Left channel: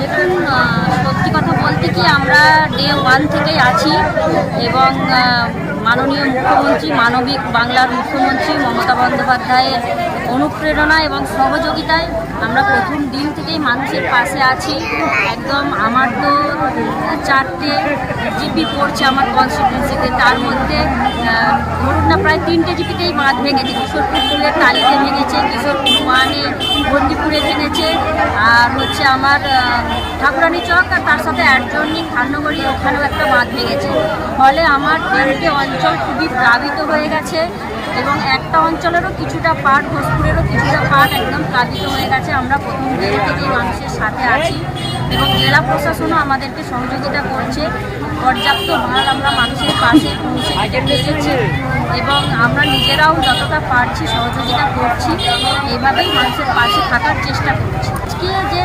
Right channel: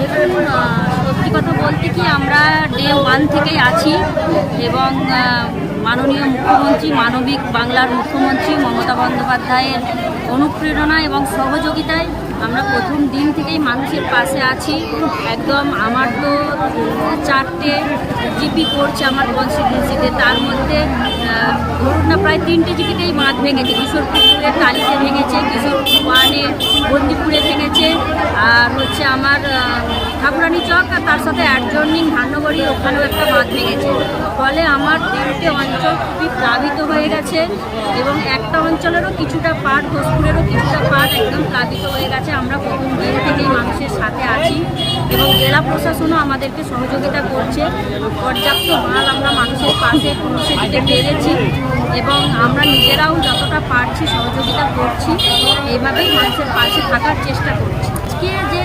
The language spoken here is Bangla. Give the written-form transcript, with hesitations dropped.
দেখুন, সত্যি কথা বলতে কি আমরা ডে 1 থেকেই আছি এবং মাননীয় মুখ্যমন্ত্রী, মানবিক বাংলার মুখ্যমন্ত্রী মমতা বন্দ্যোপাধ্যায়ের অনুপ্রেরণা এবং সহযোগিতায় আমরা প্রথম দিন থেকেই মানুষের পাশে আছি। একদম আমার তো 4টে জিপি পড়ছে আমার কনস্টিটিউন্সিতে, তার মধ্যে ধরুন না প্রায় 3টে জিপিতেই বাঁধ ভেঙেছে। কিশোরপুর 2-এর টালিতে ভেঙেছে, কিশোরপুর 1-এ বন্দিপুরে ভেঙেছে, আর হচ্ছে আমার ঠাকুরানী চক আর তার সাথে অ্যাডজর্নিং ধান্যগড়ি ওখানেও একটা বাঁধ ভেঙেছে। ফলে আমার 3টে অঞ্চল খুবই প্লাবিত হয়ে গেছে এবং একটা অঞ্চলেরও কিছুটা পার্ট, ঘোষপুরেরও কিছুটা পার্ট একদম প্লাবিত হয়ে গেছে। আমরা প্রথম দিন থেকেই মানুষের সাথে আছি এবং জেলা প্রশাসনও আমাদেরকে সহযোগিতা করছে। পর্যাপ্ত মাল আমরা মানুষের পাশে পৌঁছে দিতে পেরেছি এবং আমরা নিজেরাও যতটা পারছি সহযোগিতা করছি। এইভাবেই মানুষের পাশে থাকার চেষ্টা করছি। আজকে যে